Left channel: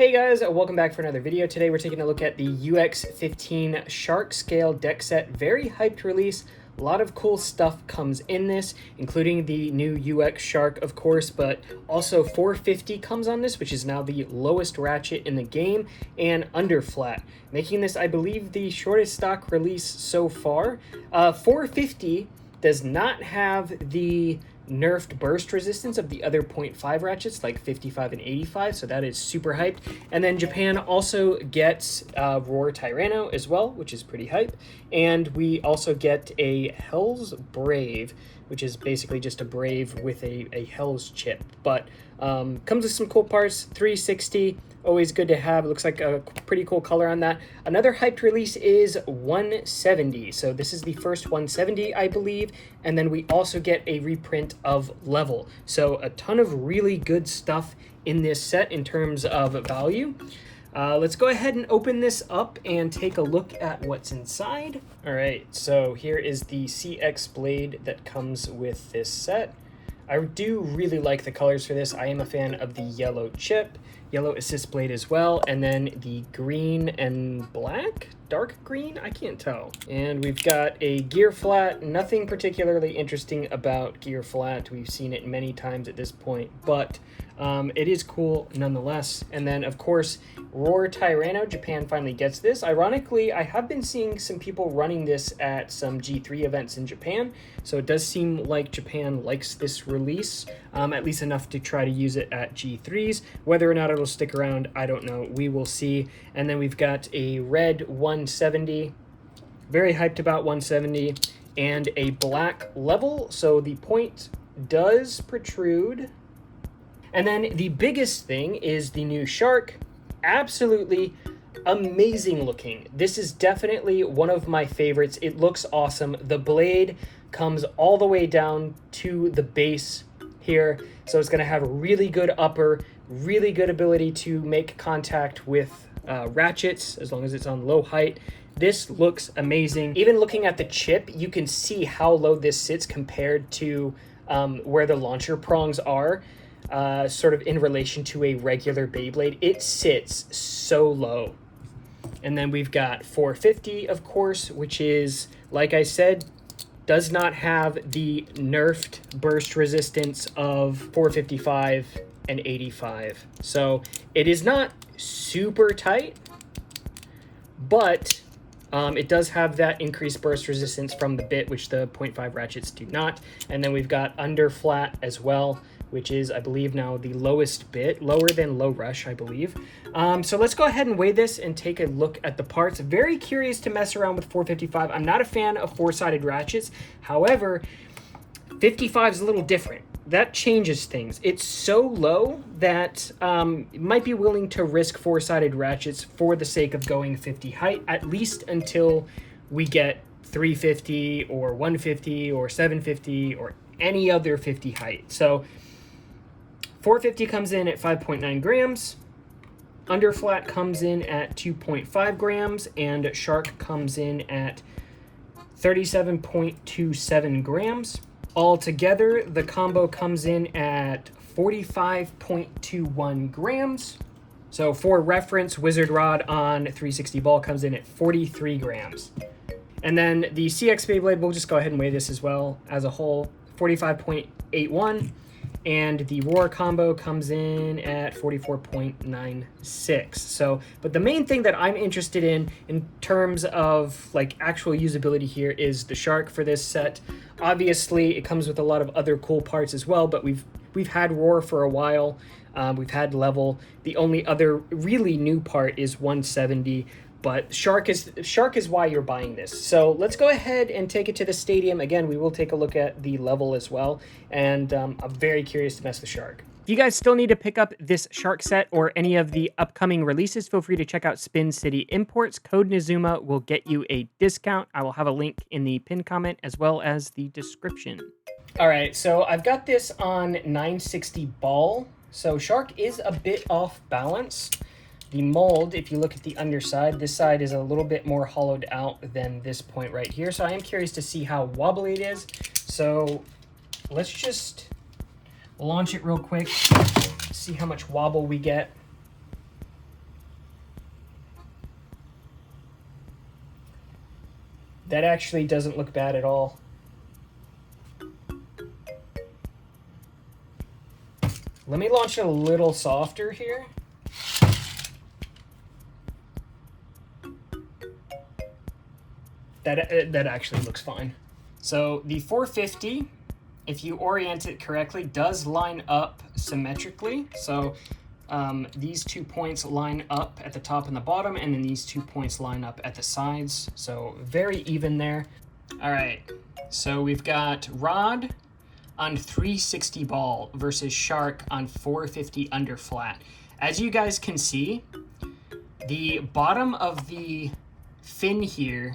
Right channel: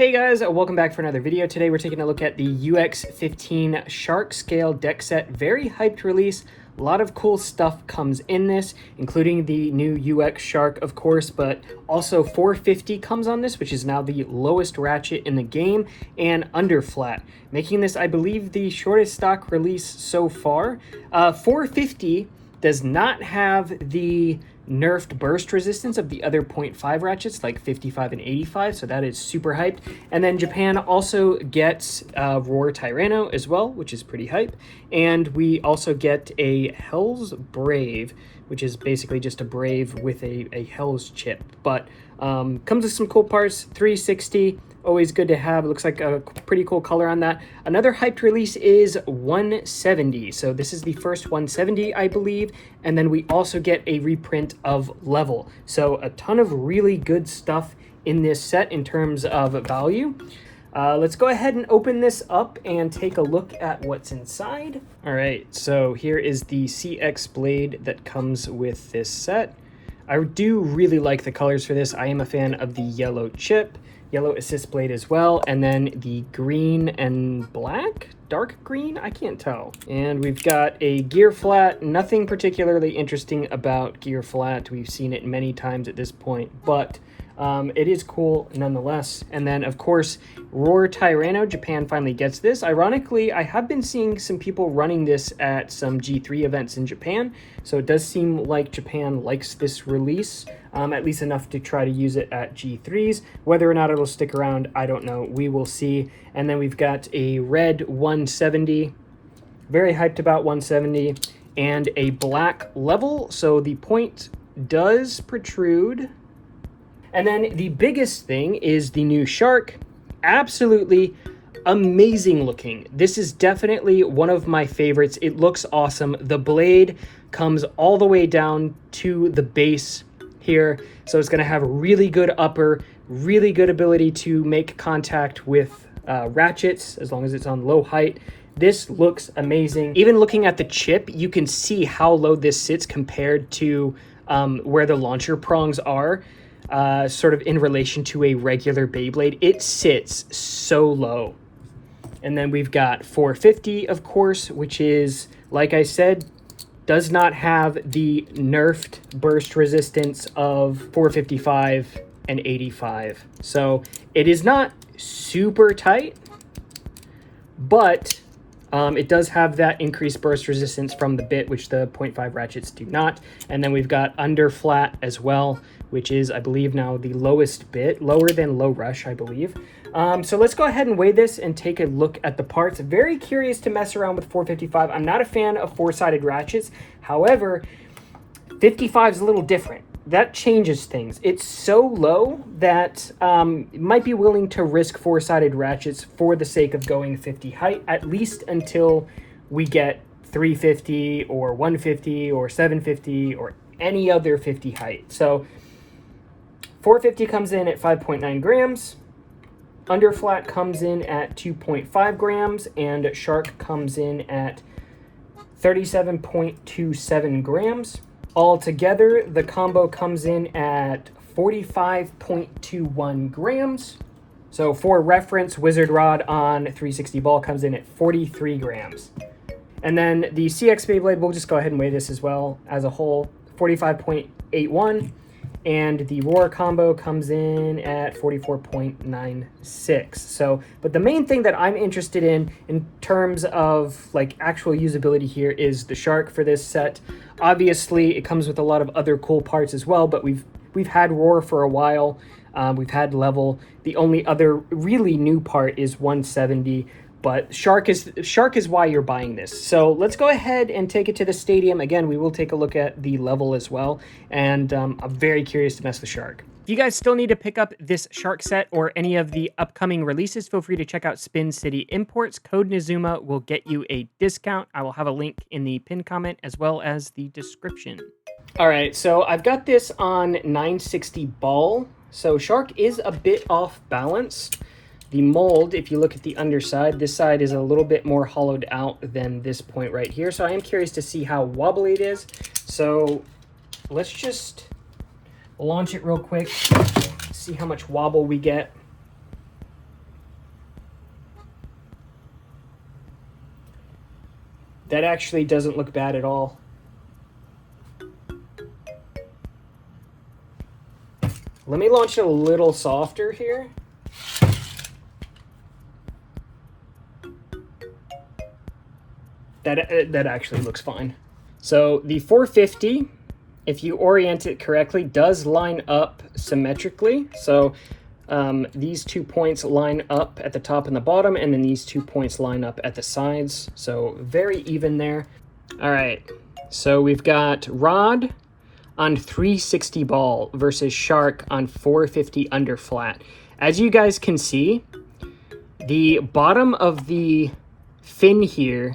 Hey guys, welcome back for another video. Today we're taking a look at the UX15 Shark Scale deck set. Very hyped release. A lot of cool stuff comes in this, including the new UX Shark, of course, but also 450 comes on this, which is now the lowest ratchet in the game, and under flat, making this, I believe, the shortest stock release so far. 450 does not have the nerfed burst resistance of the other 0.5 ratchets like 55 and 85, so that is super hyped. And then Japan also gets Roar Tyranno as well, which is pretty hype. And we also get a Hell's Brave, which is basically just a Brave with a Hell's chip. But comes with some cool parts. 360, always good to have. It looks like a pretty cool color on that. Another hyped release is 170. So this is the first 170, I believe. And then we also get a reprint of Level. So a ton of really good stuff in this set in terms of value. Let's go ahead and open this up and take a look at what's inside. All right, so here is the CX blade that comes with this set. I do really like the colors for this. I am a fan of the yellow chip, yellow assist blade as well, and then the green and black, dark green, I can't tell. And we've got a gear flat. Nothing particularly interesting about gear flat. We've seen it many times at this point, but it is cool nonetheless. And then of course, Roar Tyranno, Japan finally gets this. Ironically, I have been seeing some people running this at some G3 events in Japan, so it does seem like Japan likes this release, at least enough to try to use it at G3s. Whether or not it'll stick around, I don't know. We will see. And then we've got a red 170, very hyped about 170, and a black Level, so the point does protrude. And then the biggest thing is the new Shark. Absolutely amazing looking. This is definitely one of my favorites. It looks awesome. The blade comes all the way down to the base here, so it's going to have a really good upper, really good ability to make contact with ratchets as long as it's on low height. This looks amazing. Even looking at the chip, you can see how low this sits compared to where the launcher prongs are. Sort of in relation to a regular Beyblade. It sits so low. And then we've got 450, of course, which is, like I said, does not have the nerfed burst resistance of 455 and 85. So it is not super tight, but it does have that increased burst resistance from the bit, which the 0.5 ratchets do not. And then we've got under flat as well, which is, I believe, now the lowest bit, lower than low rush, I believe. So let's go ahead and weigh this and take a look at the parts. Very curious to mess around with 455. I'm not a fan of four-sided ratchets. However, 55 is a little different. That changes things. It's so low that might be willing to risk four-sided ratchets for the sake of going 50 height, at least until we get 350 or 150 or 750 or any other 50 height. So 450 comes in at 5.9 grams, under flat comes in at 2.5 grams, and Shark comes in at 37.27 grams. Altogether, the combo comes in at 45.21 grams. So for reference, Wizard Rod on 360 ball comes in at 43 grams. And then the CX Beyblade, we'll just go ahead and weigh this as well as a whole, 45.81. And the Roar combo comes in at 44.96. So, but the main thing that I'm interested in terms of like actual usability here is the Shark for this set. Obviously, it comes with a lot of other cool parts as well, but we've had Roar for a while. We've had Level. The only other really new part is 170. But Shark is why you're buying this. So let's go ahead and take it to the stadium. Again, we will take a look at the Level as well. And I'm very curious to mess with Shark. If you guys still need to pick up this Shark set or any of the upcoming releases, feel free to check out Spin City Imports. Code Nizuma will get you a discount. I will have a link in the pinned comment as well as the description. All right, so I've got this on 960 ball. So Shark is a bit off balance. The mold, if you look at the underside, this side is a little bit more hollowed out than this point right here. So I am curious to see how wobbly it is. So let's just launch it real quick, see how much wobble we get. That actually doesn't look bad at all. Let me launch it a little softer here. That actually looks fine. So the 450, if you orient it correctly, does line up symmetrically. So these 2 points line up at the top and the bottom, and then these 2 points line up at the sides. So very even there. All right, so we've got rod on 360 ball versus shark on 450 under flat. As you guys can see, the bottom of the fin here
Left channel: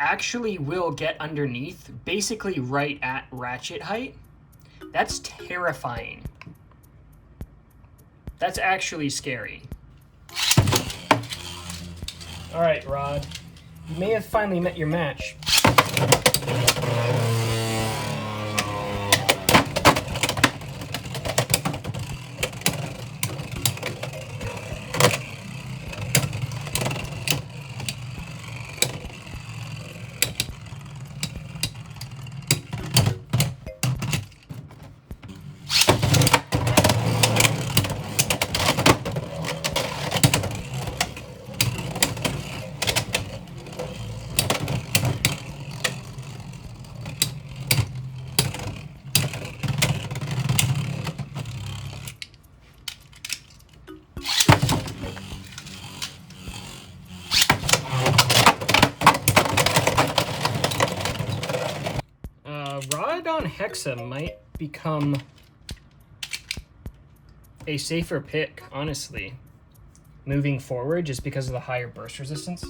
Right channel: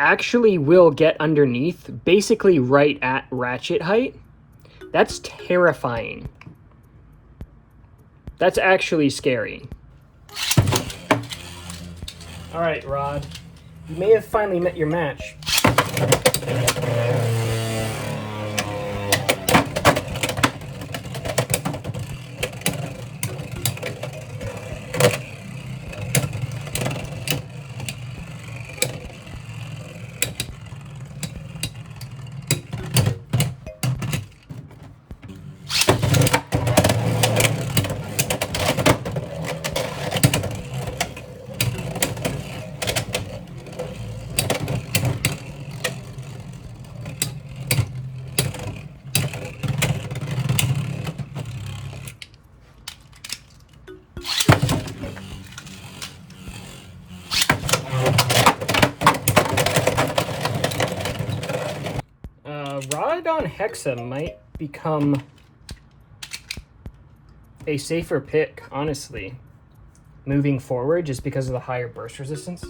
actually will get underneath, basically right at ratchet height. That's terrifying. That's actually scary. All right, Rod, you may have finally met your match. Rod on Hexa might become a safer pick, honestly, moving forward, just because of the higher burst resistance.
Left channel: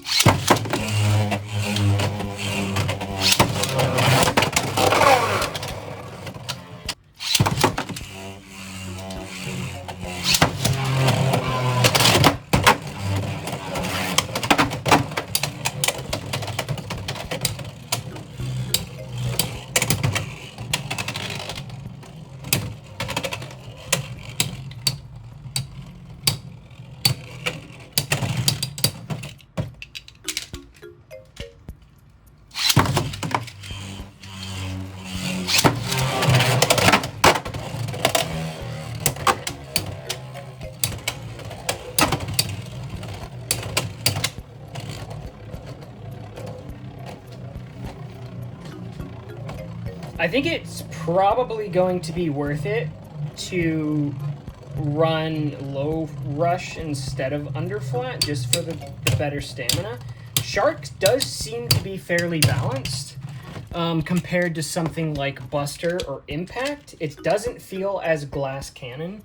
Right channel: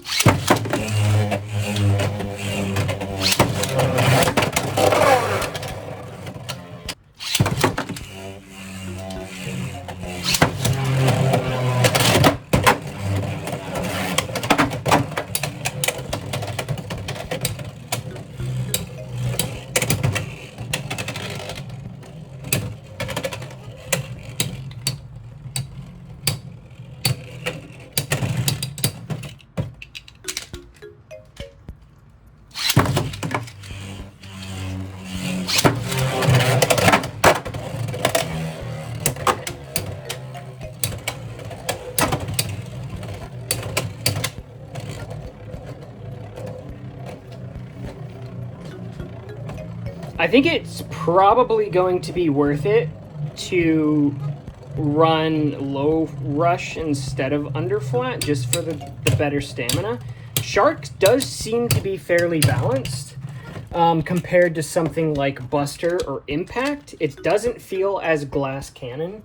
I think it's probably going to be worth it to run low rush instead of under flat, just for the better stamina. Shark does seem to be fairly balanced compared to something like Buster or Impact. It doesn't feel as glass cannon.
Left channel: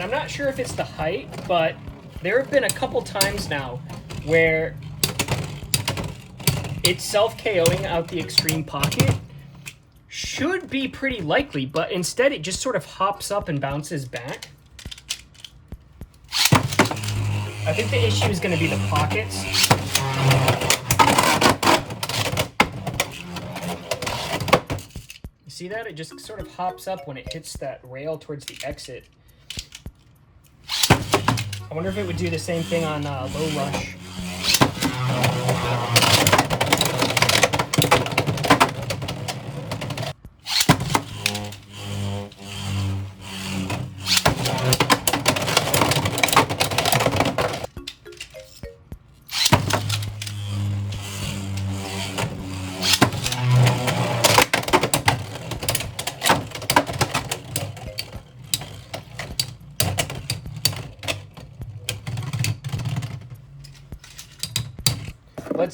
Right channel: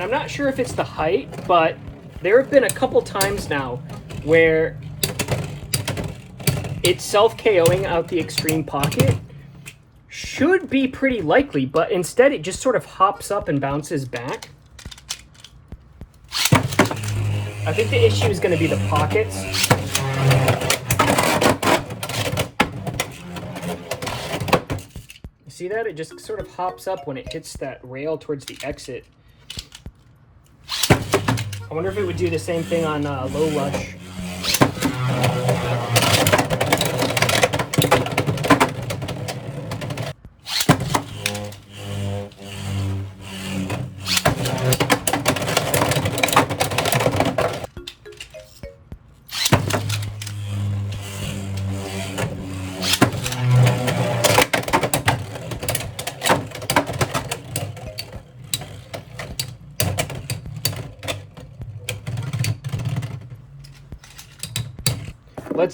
I'm not sure if it's the height, but there have been a couple times now where it's self-KOing out the extreme pocket. Should be pretty likely, but instead it just sort of hops up and bounces back. I think the issue is going to be the pockets. You see that? It just sort of hops up when it hits that rail towards the exit. I wonder if it would do the same thing on low rush.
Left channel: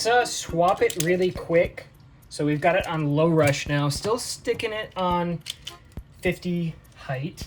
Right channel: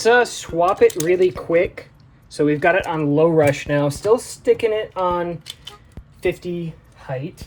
Let's swap it really quick. So we've got it on low rush now, still sticking it on 50 height.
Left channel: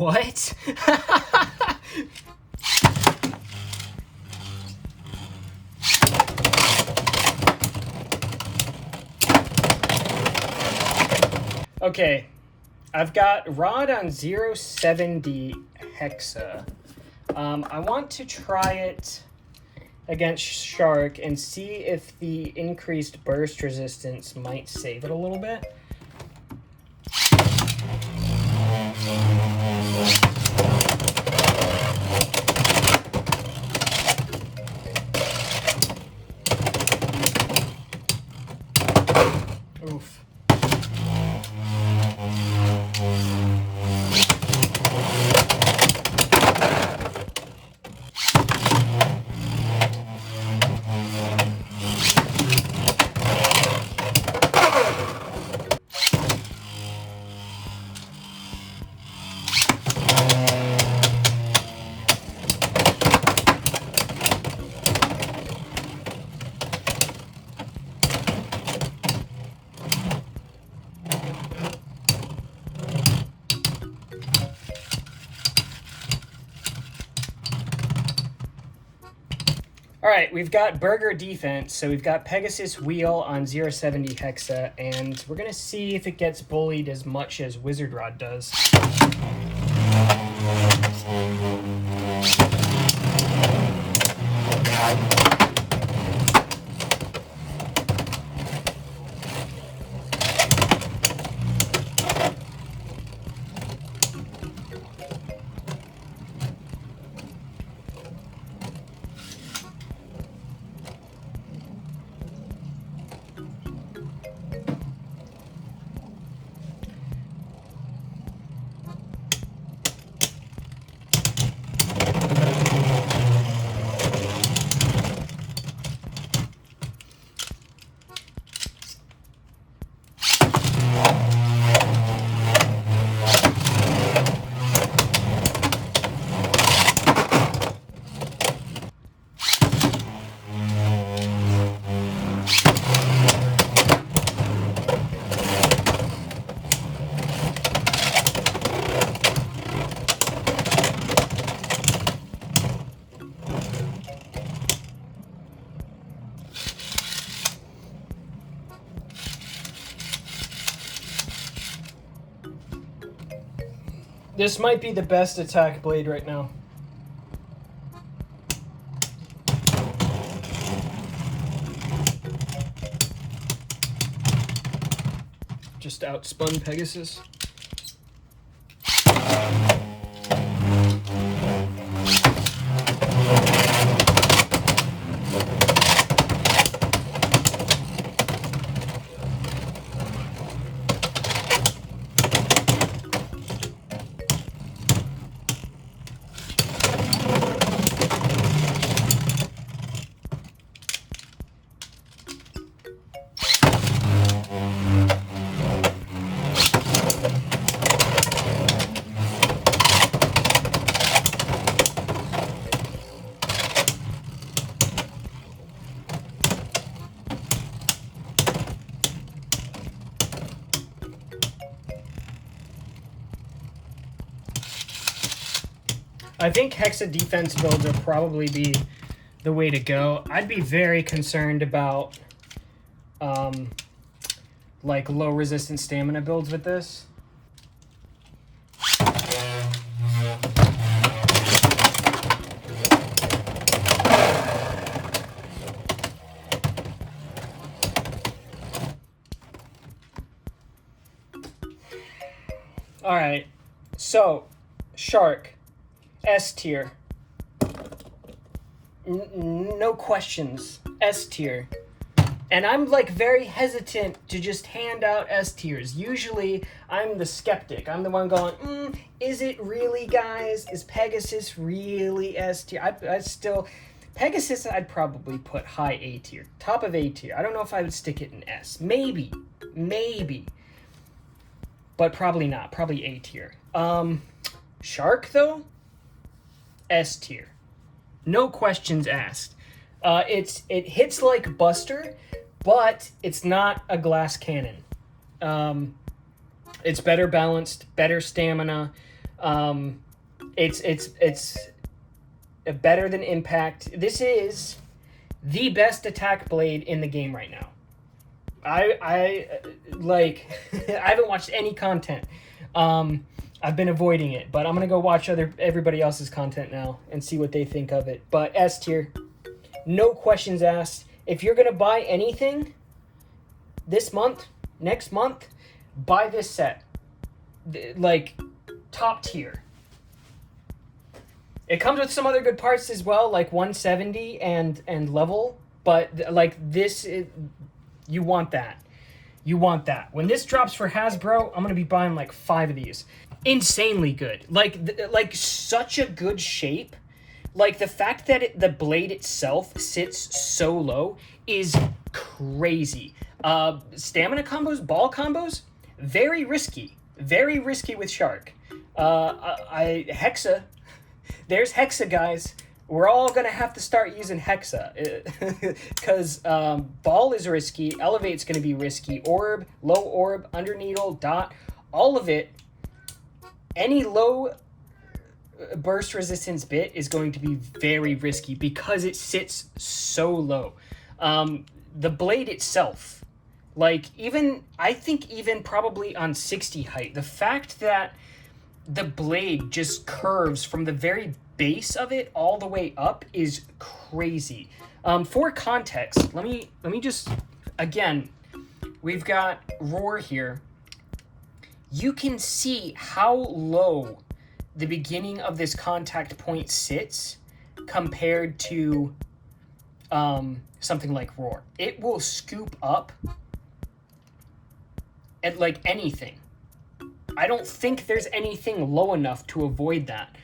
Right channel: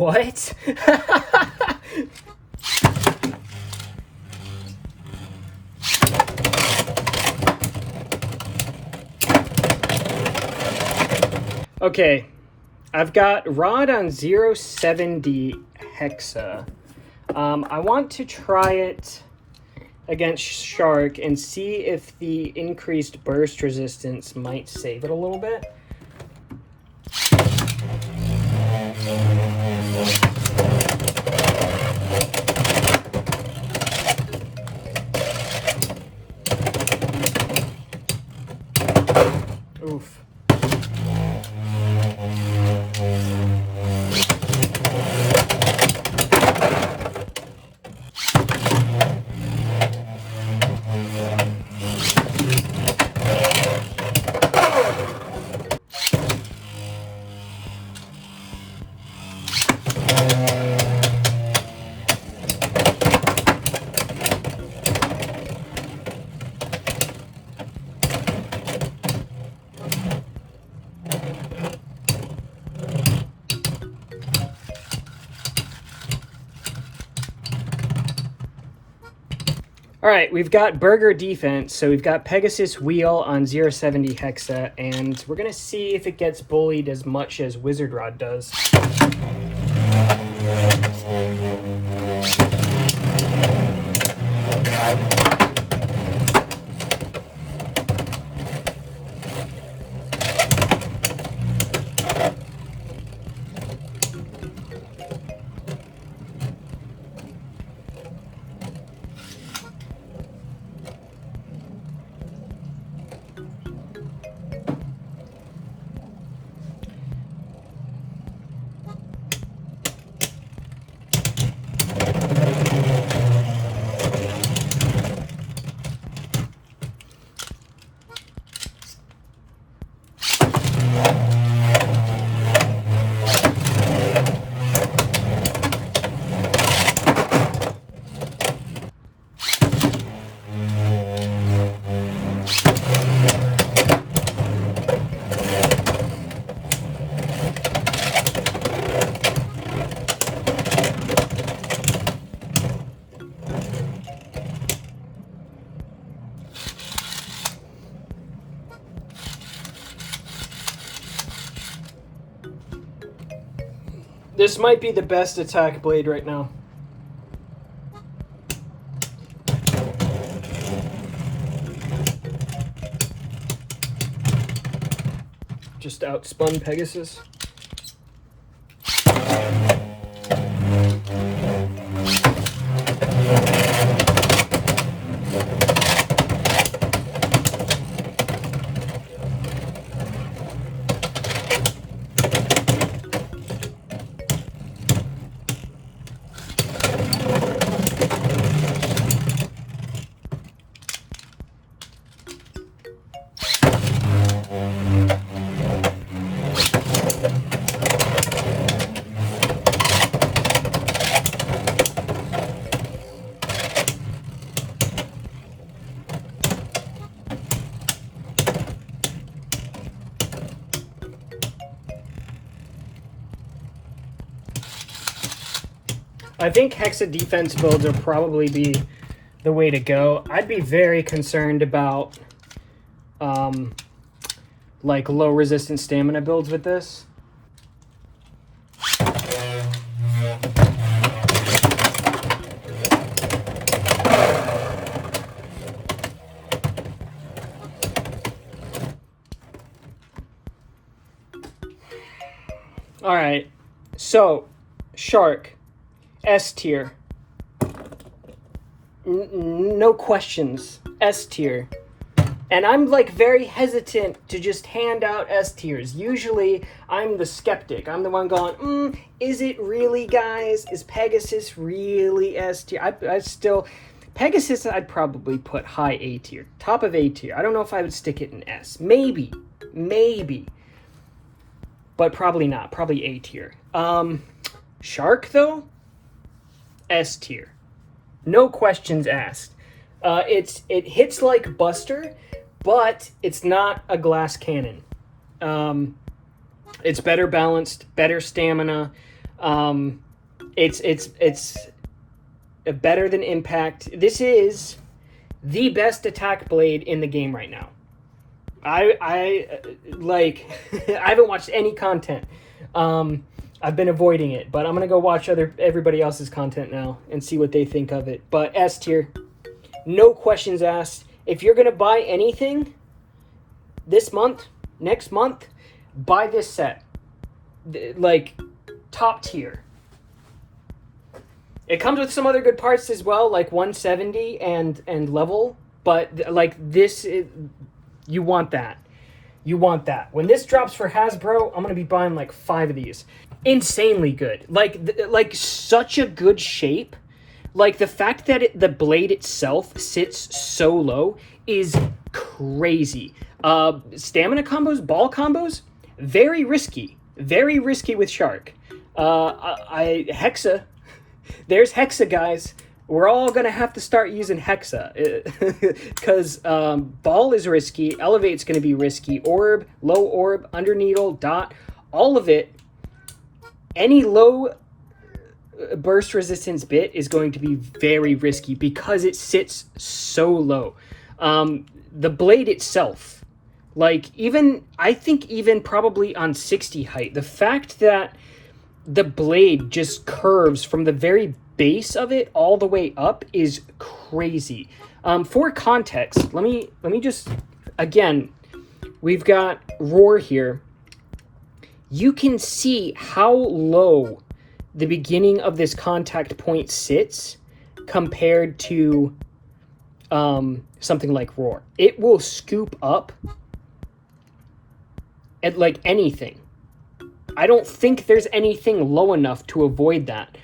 What? Okay, I've got rod on 070 hexa. I want to try it against shark and see if the increased burst resistance might save it a little bit. Oof. All right, we've got burger defense, so we've got Pegasus wheel on 070 hexa, and we're gonna see if it gets bullied as much as Wizard Rod does. This might be the best attack blade right now. Just outspun Pegasus. I think Hexa defense builds would probably be the way to go. I'd be very concerned about like low resistance stamina builds with this. All right, so shark, S tier. No questions, S tier. And I'm like very hesitant to just hand out S tiers. Usually I'm the skeptic. I'm the one going, is it really, guys? Is Pegasus really S tier? I still, Pegasus I'd probably put high A tier, top of A tier. I don't know if I would stick it in S. Maybe. But probably not, probably A tier. Shark though, S tier. No questions asked. It hits like Buster, but it's not a glass cannon. It's better balanced, better stamina. It's better than Impact. This is the best attack blade in the game right now. I like I haven't watched any content. I've been avoiding it, but I'm gonna go watch everybody else's content now and see what they think of it. But S tier, no questions asked. If you're gonna buy anything this month, next month, buy this set. Like, top tier. It comes with some other good parts as well, like 170 and level, but like this is, you want that. You want that. When this drops for Hasbro, I'm gonna be buying like 5 of these. Insanely good. Like such a good shape. Like the fact that the blade itself sits so low is crazy. Stamina combos, ball combos, very risky. Very risky with Shark. Hexa. There's Hexa, guys. We're all gonna have to start using Hexa because ball is risky, elevate's gonna be risky, orb, low orb, under needle, dot, all of it. Any low burst resistance bit is going to be very risky because it sits so low. The blade itself, like I think even probably on 60 height, the fact that the blade just curves from the very base of it all the way up is crazy. For context, let me just, again, we've got Roar here. You can see how low the beginning of this contact point sits compared to something like Roar. It will scoop up at like anything. I don't think there's anything low enough to avoid that.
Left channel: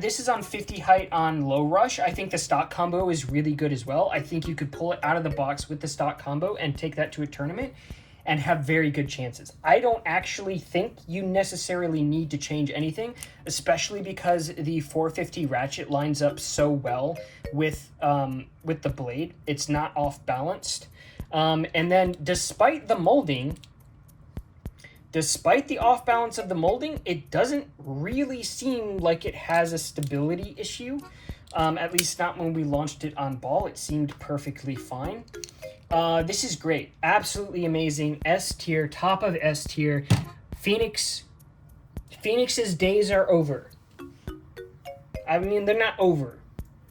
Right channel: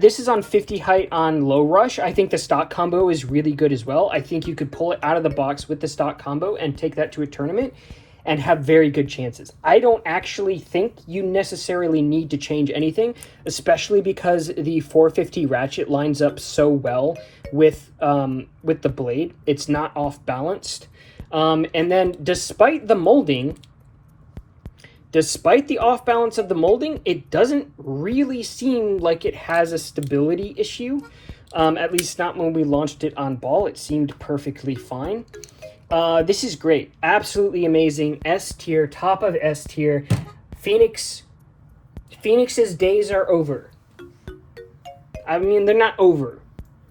This is on 50 height on low rush. I think the stock combo is really good as well. I think you could pull it out of the box with the stock combo and take that to a tournament and have very good chances. I don't actually think you necessarily need to change anything, especially because the 450 ratchet lines up so well with the blade. It's not off balanced. And then despite the molding, despite the off balance of the molding, it doesn't really seem like it has a stability issue. At least not when we launched it on ball. It seemed perfectly fine. This is great. Absolutely amazing. S tier, top of S tier. Phoenix's days are over. I mean, they're not over.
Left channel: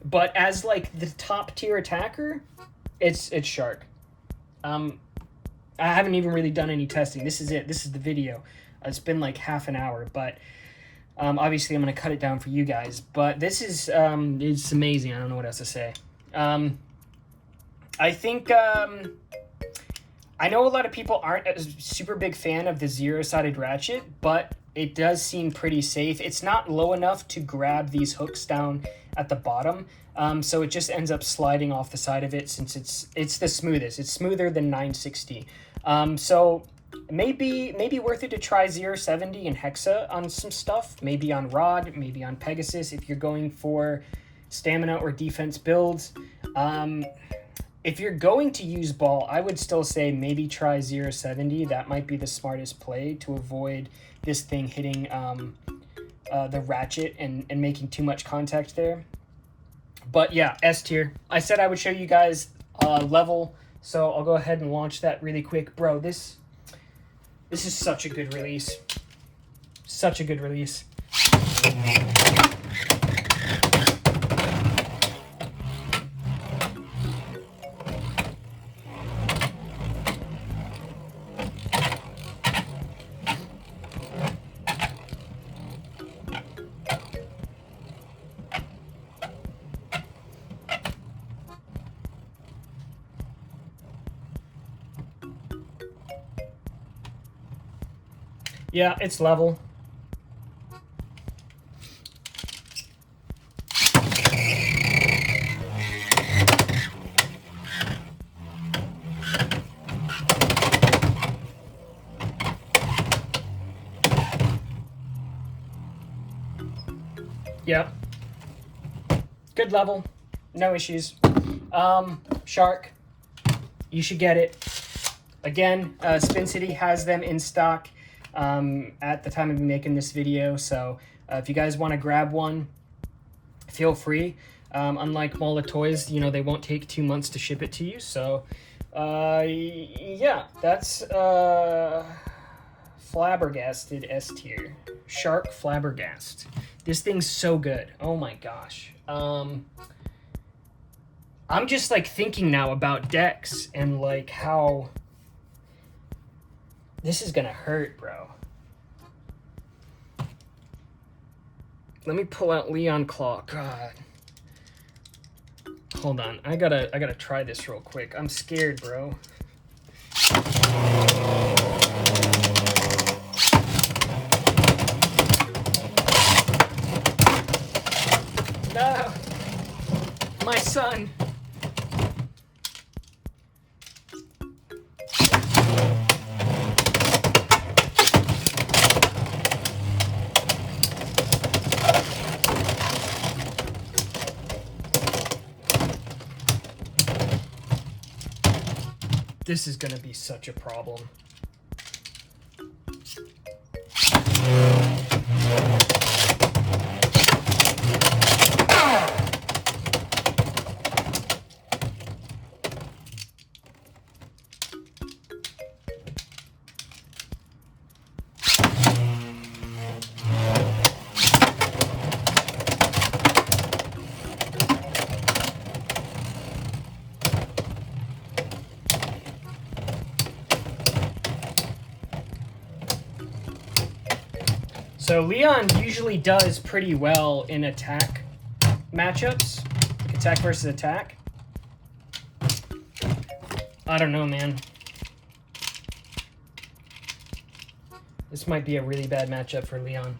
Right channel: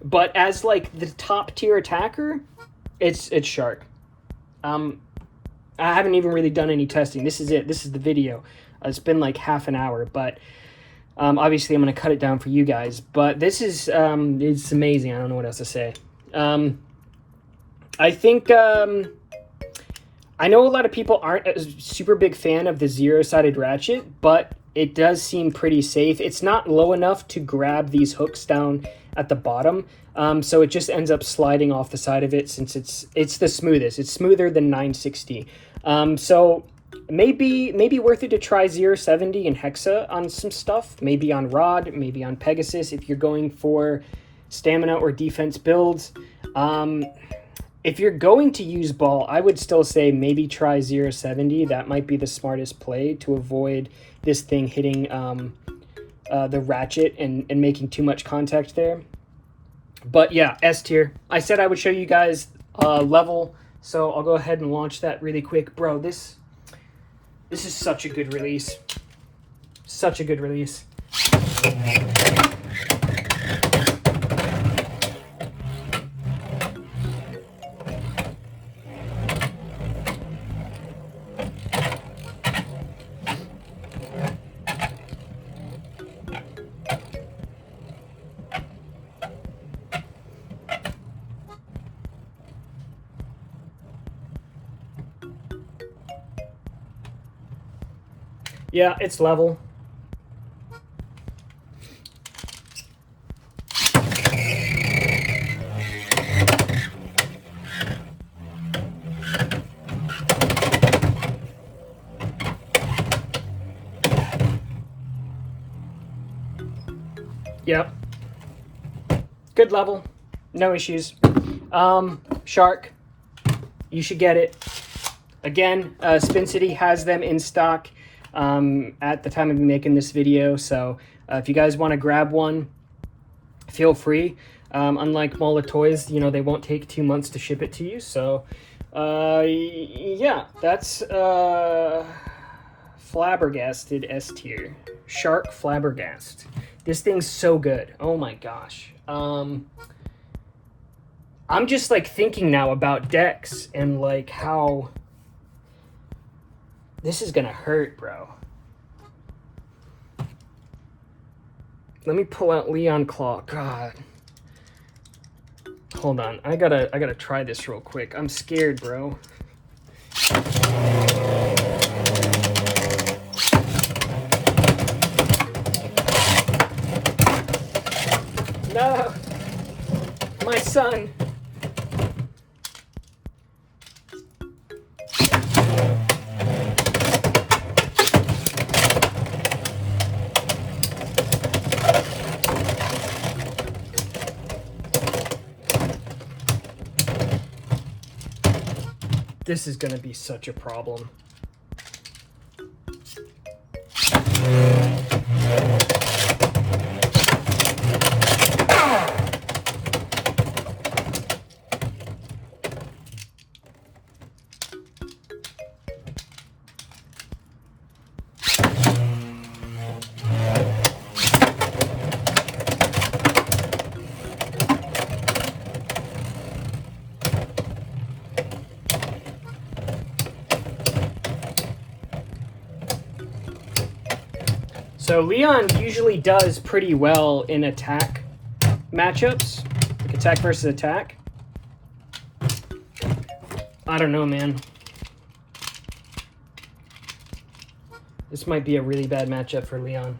But as like the top tier attacker, it's Shark. I haven't even really done any testing. This is it. This is the video. It's been like half an hour, but obviously I'm going to cut it down for you guys. But this is it's amazing. I don't know what else to say. I think I know a lot of people aren't a super big fan of the zero-sided ratchet, but it does seem pretty safe. It's not low enough to grab these hooks down at the bottom. So it just ends up sliding off the side of it since it's the smoothest. It's smoother than 960. So maybe worth it to try 070 and Hexa on some stuff. Maybe on Rod, maybe on Pegasus if you're going for stamina or defense builds. If you're going to use ball, I would still say maybe try 070. That might be the smartest play to avoid this thing hitting the ratchet and making too much contact there. But yeah, S tier. I said I would show you guys level, so I'll go ahead and launch that really quick. Bro, this is such a good release. Such a good release. Yeah, it's level. Yeah. Good level. No issues. Shark. You should get it. Again, Spin City has them in stock. at the time of making this video. So if you guys want to grab one, feel free. Unlike Mola Toys, you know, they won't take 2 months to ship it to you. So yeah, that's Flabbergasted S tier. Shark Flabbergast. This thing's so good. Oh my gosh. I'm just like thinking now about decks and like how this is gonna hurt, bro. Let me pull out Leon Claw. God. Hold on. I gotta try this real quick. I'm scared, bro. No. My son. This is gonna be such a problem. So Leon usually does pretty well in attack matchups, like attack versus attack. I don't know, man. This might be a really bad matchup for Leon.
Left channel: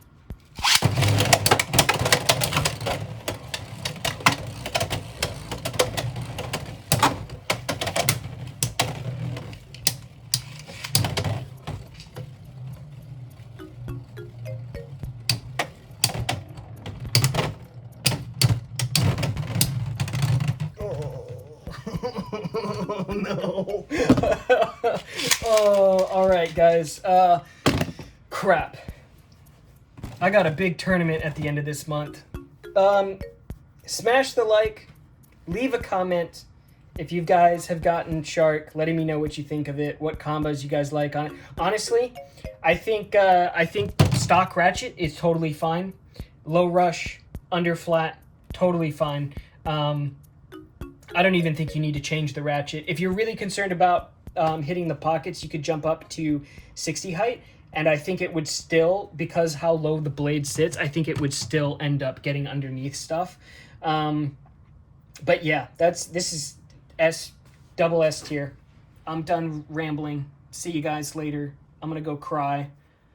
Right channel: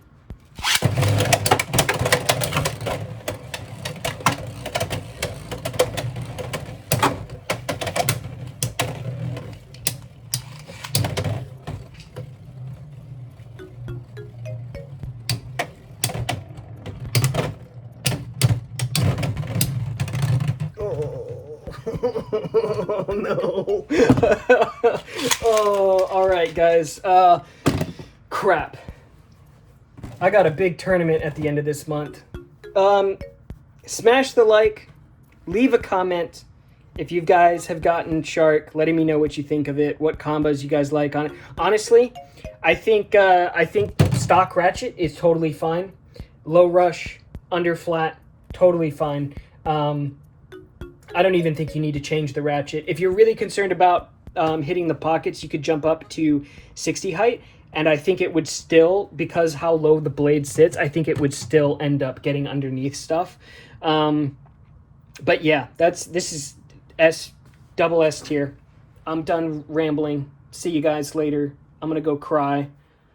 Oh no. Oh, all right, guys. Crap. I got a big tournament at the end of this month. Smash the like, leave a comment if you guys have gotten Shark, letting me know what you think of it, what combos you guys like on it. Honestly, I think stock Ratchet is totally fine. Low rush, under flat, totally fine. I don't even think you need to change the Ratchet. If you're really concerned about hitting the pockets, you could jump up to 60 height, and I think it would still, because how low the blade sits, I think it would still end up getting underneath stuff. But yeah, this is double S tier. I'm done rambling. See you guys later. I'm gonna go cry.